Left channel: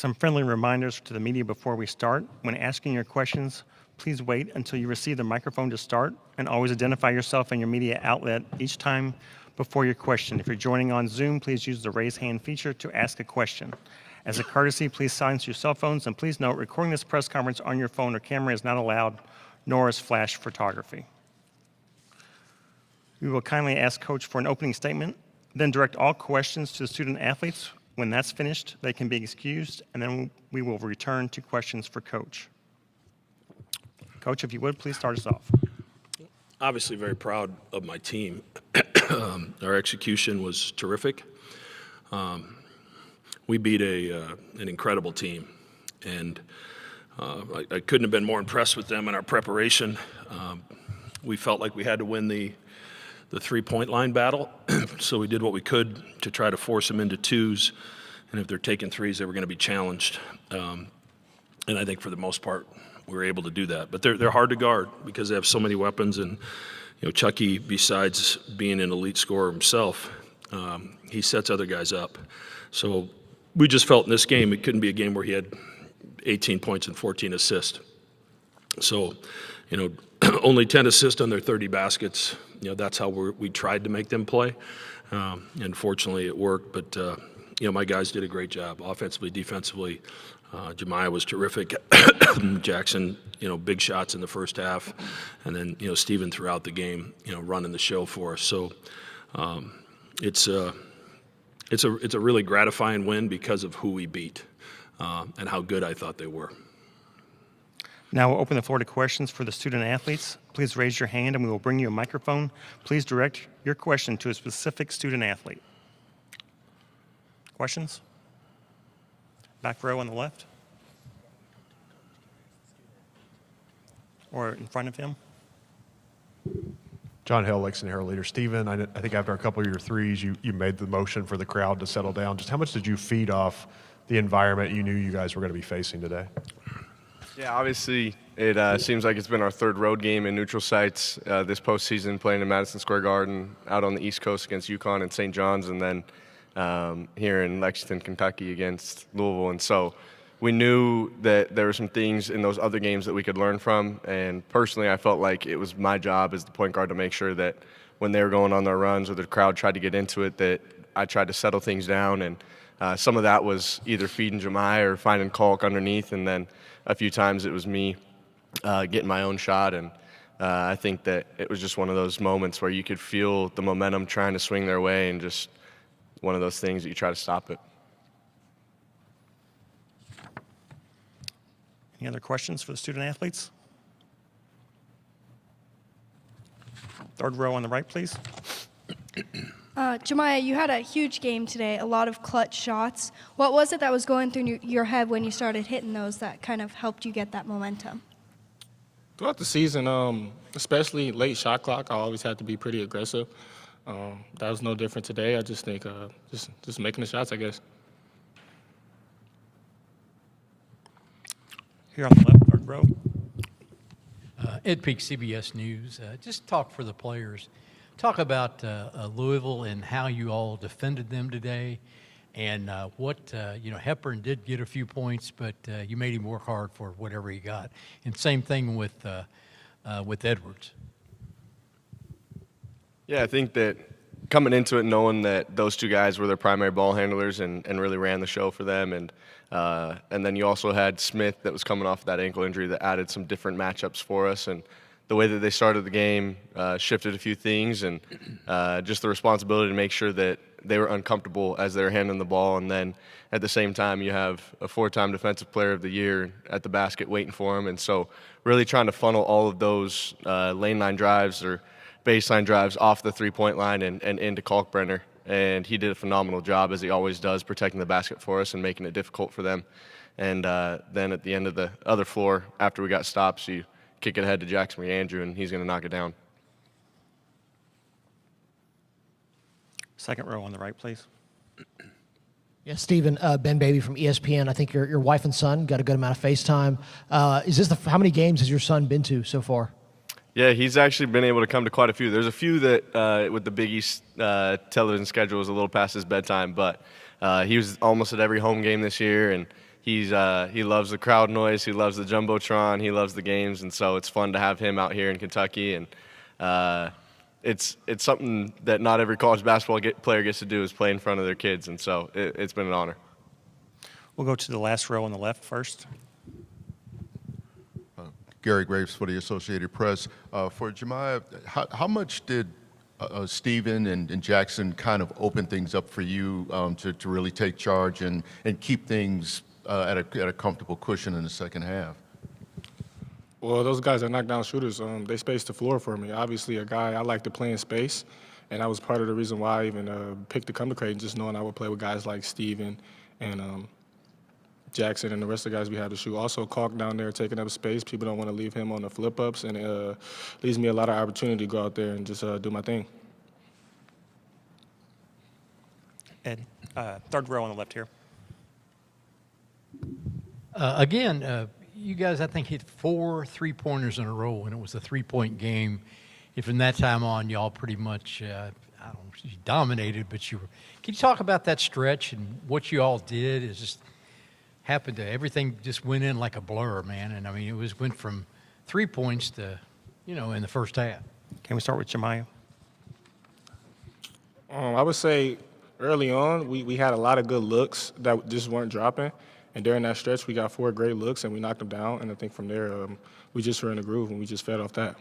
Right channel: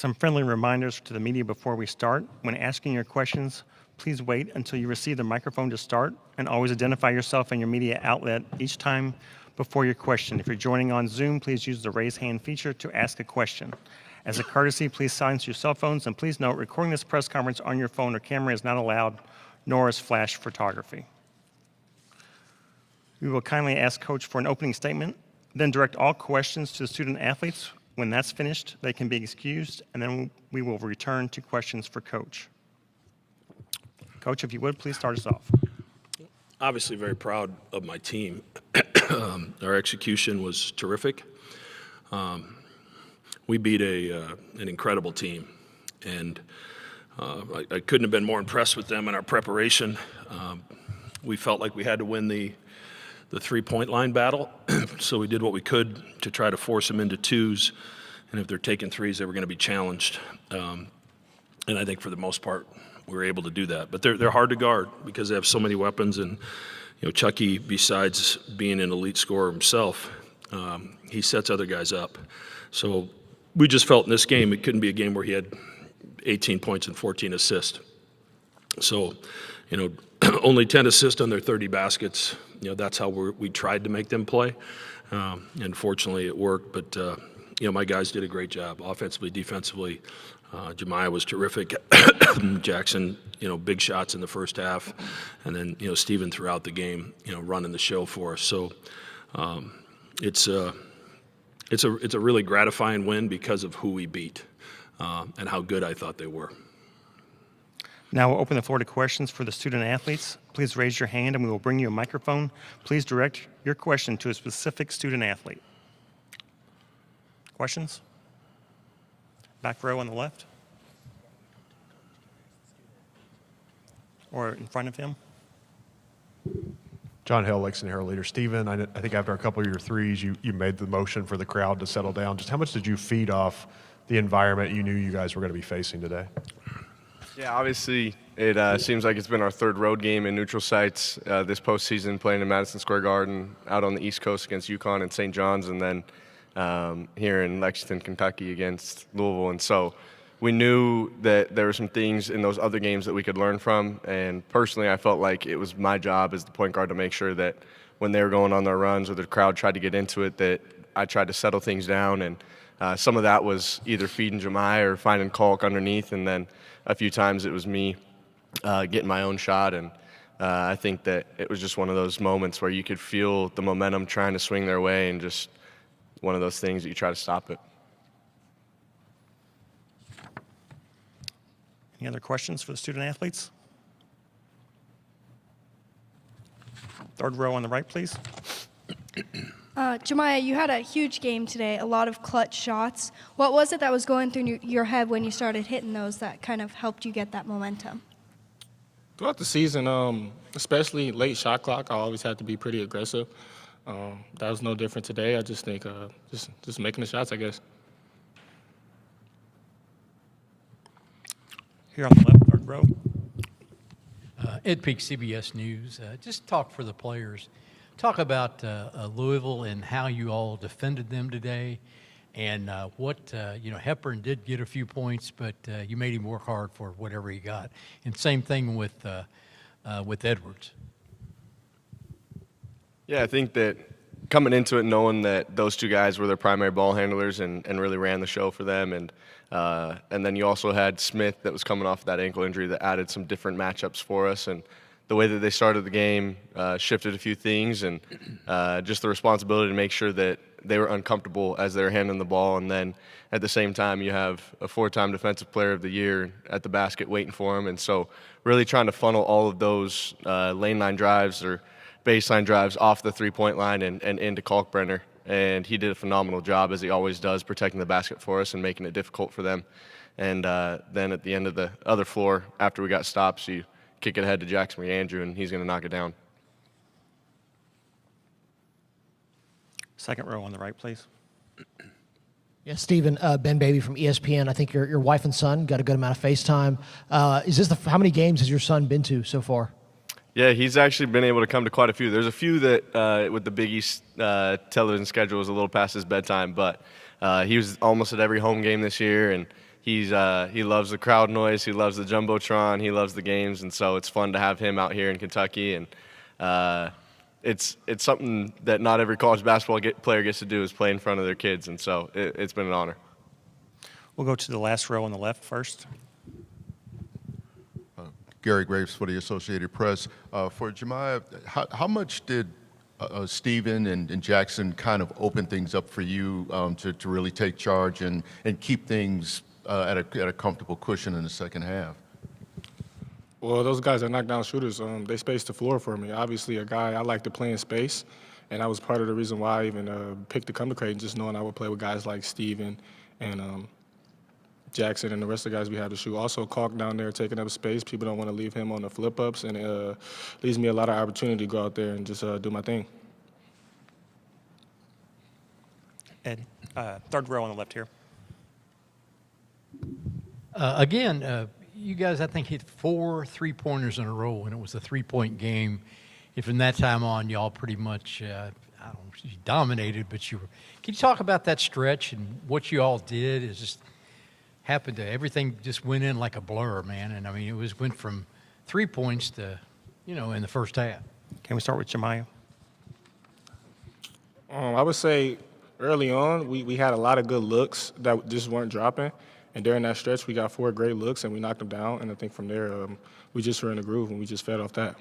Some friendly reminders to the media before we start. When asking your questions, please wait until you receive the microphone to start, and always identify yourself and your media outlet each time before your question. If you're joining on Zoom, please use the raise hand feature to ask a question. As a courtesy, please silence your cell phones, and please note recording this press conference on your phone or camera is not allowed, nor is flash photography. We will kindly ask Coach for an opening statement, then direct all questions to the student athletes. When that's finished, they can be excused, and then we will return to questions for Coach. Coach, if you would, please start us off. Obviously very proud of my team. Our execution was terrific. We beat an incredible team, and I couldn't have been more impressed with them in our preparation. We felt like we had to win the three-point line battle, so we did what we could to try to force them into twos, and if they're taking threes, they were going to be challenged. And I think for the most part, we were able to do that. But they're hard to guard because they have so many weapons, and Chucky, besides being an elite scorer himself, he sets other guys up. So we just felt in this game it couldn't be a game where he had 18 points and 14 assists. So, only 10 assists on their 30 baskets. That's how we tried to make them play. And fortunately it worked. But, my guys did a great job offensively, defensively. Jemiah was terrific. Jackson, big shots in the first half. And then, Steven throughout the game, running the show for us. So it's a really gratifying win because of who we beat and how good I thought they were. Now we'll open the floor to questions for the student athletes. Please raise your hand and we will bring you a microphone. Please direct your question to a specific student athlete. Questions? Back row on the left? Or in front of him? John Hill, Lexington Herald leader. Steven, I think after a couple of your threes, you made the motion for the crowd to settle down. Just how much did you feed off the environment you knew you guys were going to be facing today? Yeah, obviously it seems like it's been our third road game in neutral sites this postseason, playing in Madison Square Garden, out on the East Coast against UConn and St. John's, and then here in Lexington, Kentucky against Louisville. And so we knew that there were some things in those other games that we could learn from. And personally, I felt like it was my job as the point guard to make sure that when they were going on their runs or the crowd tried to get into it, that I tried to settle things down. And some of that was either feeding Jemiah or finding Kalk underneath, and then a few times it was me getting my own shot. And I think that it was just one of those moments where you could feel the momentum trying to swing their way, and just one of those things that you try to stop it. Any other questions for the student athletes? Third row on the right, please. Jemiah, you had a huge game today, a lot of clutch shots. What was it that was going through your head when you started hitting those that kind of helped you get that momentum? Throughout the season, especially late shot clock, I always had to be pretty aggressive. That was no different today. I just think just making the shots, I guess. Here on the left, third row. Ed Peak, CBS News. Just talk for the players. Talk about Louisville and how you all defended them today, and Hepburn did get a few points, but you made him work hard for whatever he got. And same thing with Edwards. Yeah, I think that coming into it knowing that those two guys were their primary ball handlers and really ran the show for them, and then you also had Smith that was coming off that ankle injury that added some different matchups for us, and the way that they started the game shifted a few things, and just the responsibility to make sure that they were uncomfortable as they were handling the ball. And then at the same time, you have a 4-time Defensive Player of the Year at the basket waiting for him. And so really trying to funnel all of those lane line drives or baseline drives off the three-point line and into Kalkbrenner. And he did a phenomenal job, as he always does, protecting the basket for us and making it difficult for them. And then at the end of the other floor, after we got stops, you kick it ahead to Jackson Andrew, and he's going to knock it down. Second row on the right, please. Yeah, Stephen, Ben Baby from ESPN. I think your wife and son got a good amount of FaceTime. Is this how many games has your son been to so far? Yeah, he's actually been able to come to quite a few. There's a few that with the Big East television schedule was a little past his bedtime, but he was almost at every home game this year, and he loves the crowd noise, he loves the jumbotron, he loves the games, and so it's fun to have him out here in Kentucky. And it's something that not every college basketball player gets to do, is play in front of their kids, and so it's been an honor. We'll go to the last row on the left first. Gary Graves for the Associated Press. For Jemiah, how much did Stephen and Jackson kind of open things up for you to really take charge and keep things at a comfortable cushion in the second half? Well, those guys are knockdown shooters. They spaced the floor for me. Obviously, a guy I like to play in space, and that was part of the reason why I even picked to come to Creighton, just knowing I would play with guys like Steven and Jackson and the rest of the guys we had to shoot. Also, Kalk down there taking up space. People don't want to leave him on the flip-ups, and it leaves me a lot of opportunity to go out there and just do my thing. Ed, third row on the left here. Again, you guys, I think, hit 4 3-pointers in a row, and it was a 3-point game. If from that time on, y'all pretty much, I don't know, you dominated, but you were. Can you talk about that stretch and what you all did? It just happened to everything just went in like a blur, man. And I mean, went from 3 points to, in the first half. Can we start with Jemiah? I would say early on, we had a lot of good looks that just weren't dropping. And during that stretch, we got 4 great looks, and we knocked them down. And I think from there, we just were in a groove, and we just fed off that.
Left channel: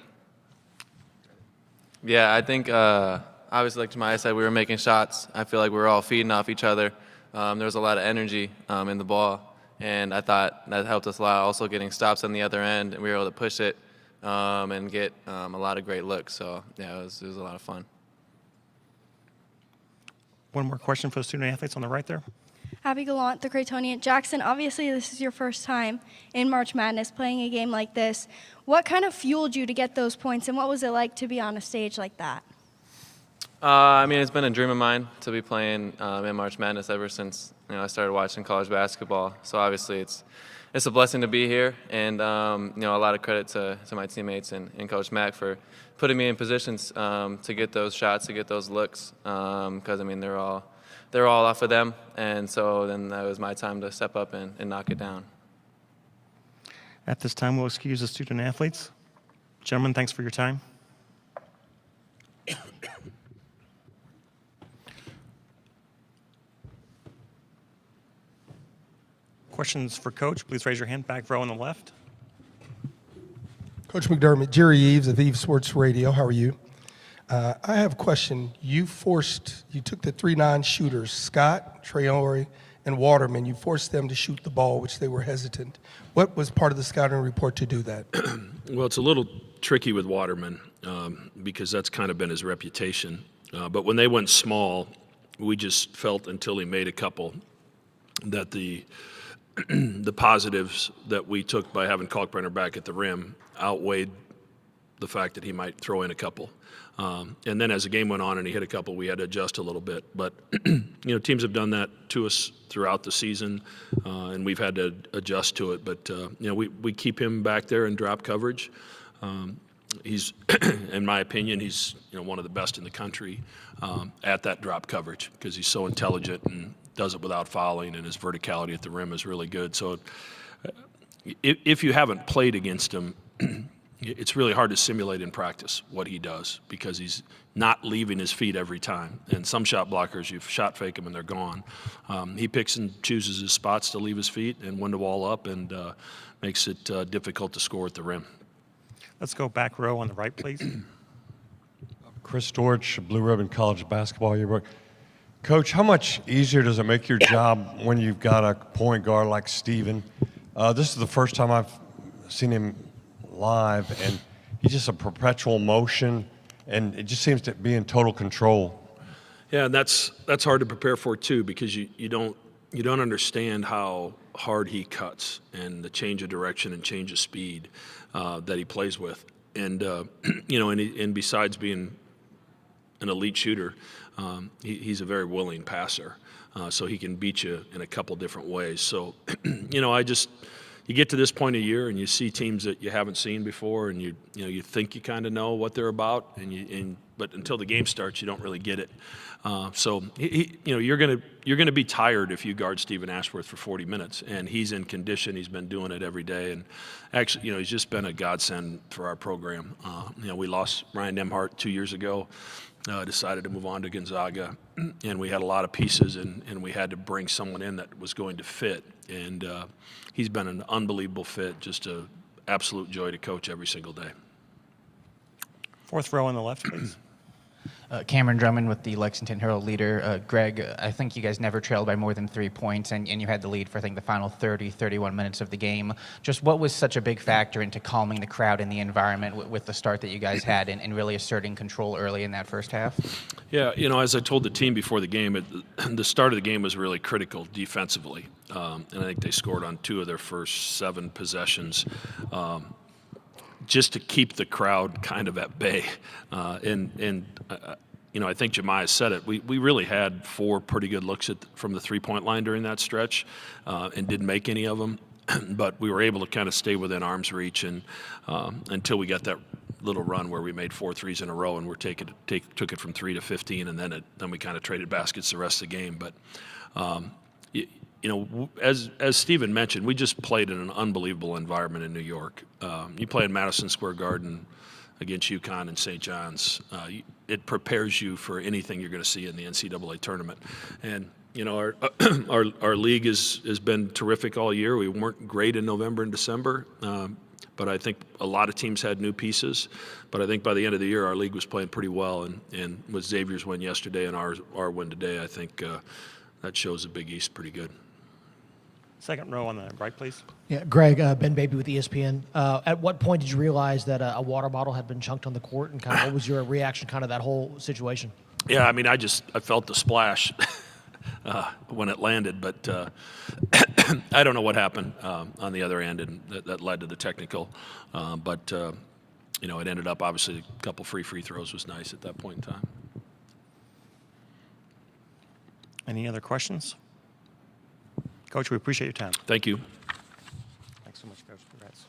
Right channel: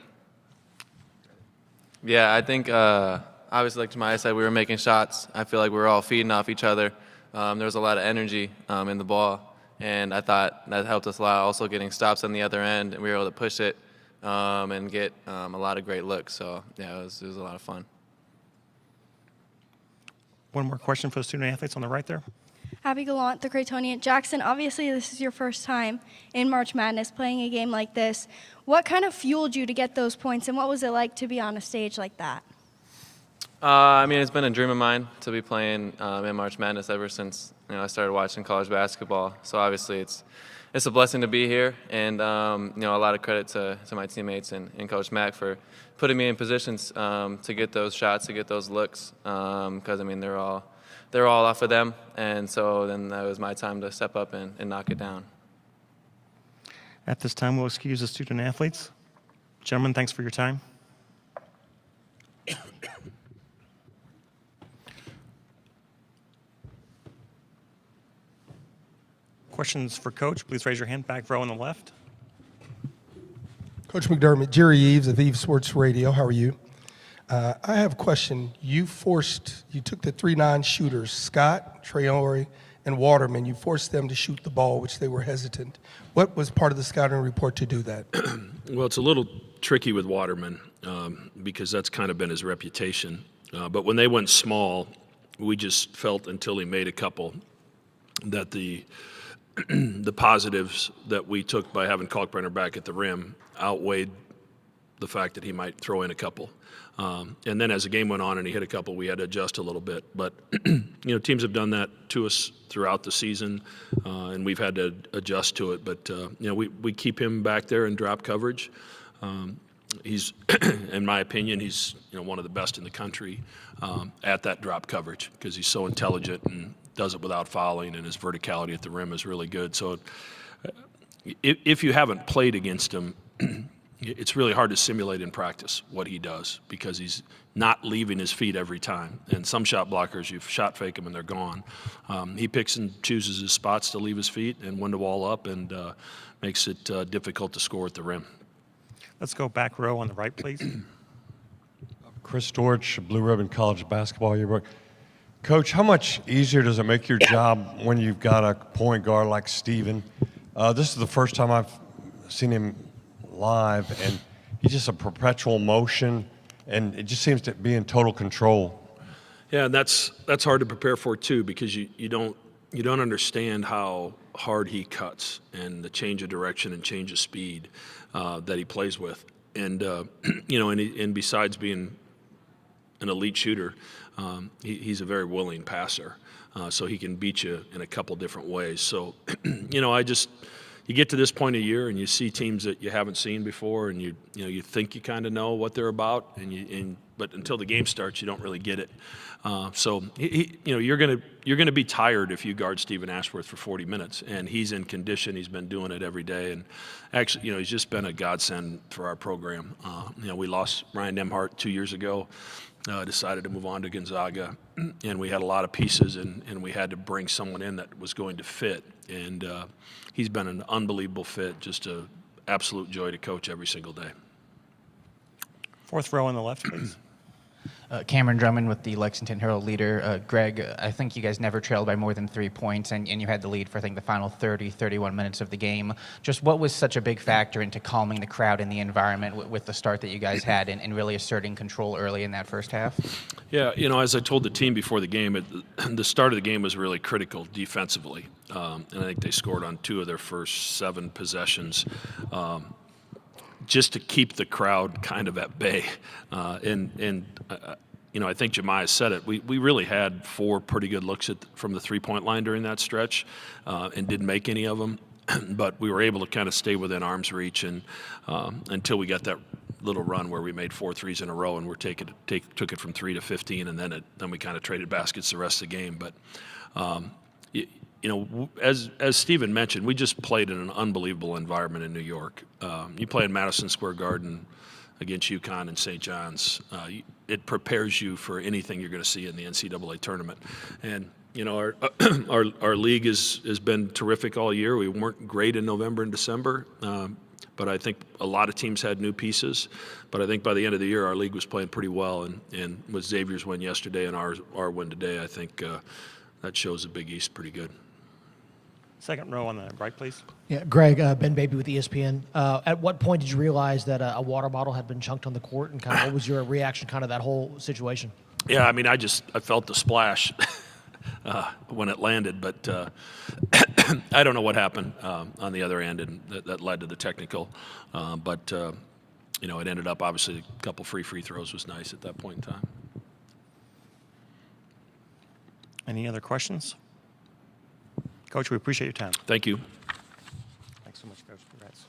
Yeah, I think, obviously, like Jemiah said, we were making shots. I feel like we were all feeding off each other. There was a lot of energy in the ball, and I thought that helped us a lot. Also getting stops on the other end, and we were able to push it and get a lot of great looks. So, yeah, it was a lot of fun. One more question for the student athletes on the right there. Abby Gallant, the Creightonian. Jackson, obviously this is your first time in March Madness playing a game like this. What kind of fueled you to get those points, and what was it like to be on a stage like that? I mean, it's been a dream of mine to be playing in March Madness ever since I started watching college basketball. So obviously it's a blessing to be here, and a lot of credit to my teammates and Coach Mack for putting me in positions to get those shots, to get those looks, because I mean they're all off of them, and so then that was my time to step up and knock it down. At this time, we'll excuse the student athletes. Gentlemen, thanks for your time. Questions for Coach? Please raise your hand. Back row on the left. Coach McDermott, Jerry Eves of Eves Sports Radio. How are you? I have a question. You took the 3-9 shooters, Scott, Traore, and Waterman. You forced them to shoot the ball, which they were hesitant. What was part of the scouting report to do that? Well, it's a little tricky with Waterman because that's kind of been his reputation. But when they went small, we just felt until he made a couple that the positives that we took by having Kalkbrenner back at the rim outweighed the fact that he might throw in a couple. And then as the game went on and he hit a couple, we had to adjust a little bit. But, teams have done that to us throughout the season, and we've had to adjust to it. But, we keep him back there in drop coverage. He's, in my opinion, he's one of the best in the country at that drop coverage because he's so intelligent and does it without fouling, and his verticality at the rim is really good. So if you haven't played against him, it's really hard to simulate in practice what he does because he's not leaving his feet every time. And some shot blockers, you shot fake them and they're gone. He picks and chooses his spots to leave his feet and when to wall up and makes it difficult to score at the rim. Let's go back row on the right, please. Chris Dortch, Blue Ribbon College Basketball Yearbook. Coach, how much easier does it make your job when you've got a point guard like Steven? This is the first time I've seen him live, and he's just a perpetual motion, and it just seems to be in total control. Yeah, and that's hard to prepare for too because you don't understand how hard he cuts and the change of direction and change of speed that he plays with, and and besides being an elite shooter, he's a very willing passer, so he can beat you in a couple different ways. So, you get to this point of year and you see teams that you haven't seen before, and you think you kind of know what they're about, and but until the game starts, you don't really get it. So you're gonna be tired if you guard Stephen Ashworth for 40 minutes, and he's in condition. He's been doing it every day, and actually, he's just been a godsend for our program. We lost Ryan Nemhart 2 years ago. Decided to move on to Gonzaga, and we had a lot of pieces, and we had to bring someone in that was going to fit. And he's been an unbelievable fit, just an absolute joy to coach every single day. Fourth row on the left, please. Cameron Drummond with the Lexington Herald Leader. Greg, I think you guys never trailed by more than 3 points, and you had the lead for, I think, the final 31 minutes of the game. Just what was such a big factor into calming the crowd and the environment with the start that you guys had and really asserting control early in that first half? Yeah, as I told the team before the game, the start of the game was really critical defensively. And I think they scored on 2 of their first 7 possessions. Just to keep the crowd kind of at bay. I think Jemiah said it. We really had 4 pretty good looks from the three-point line during that stretch and didn't make any of them. But we were able to kind of stay within arm's reach and until we got that little run where we made 4 threes in a row and took it from 3 to 15, and then we kind of traded baskets the rest of the game. But as Stephen mentioned, we just played in an unbelievable environment in New York. You play in Madison Square Garden against UConn and St. John's. It prepares you for anything you're going to see in the NCAA tournament. And our league has been terrific all year. We weren't great in November and December, but I think a lot of teams had new pieces. But I think by the end of the year, our league was playing pretty well. And with Xavier's win yesterday and our win today, I think that shows the Big East pretty good. Second row on the right, please. Yeah, Greg, Ben Baby with ESPN. At what point did you realize that a water bottle had been chunked on the court, and kind of what was your reaction, kind of that whole situation? Yeah, I mean, I felt the splash when it landed, but I don't know what happened on the other end, and that led to the technical. But it ended up, obviously, a couple free throws was nice at that point in time. Any other questions? Coach, we appreciate your time. Thank you. Thanks so much, Coach. Congrats.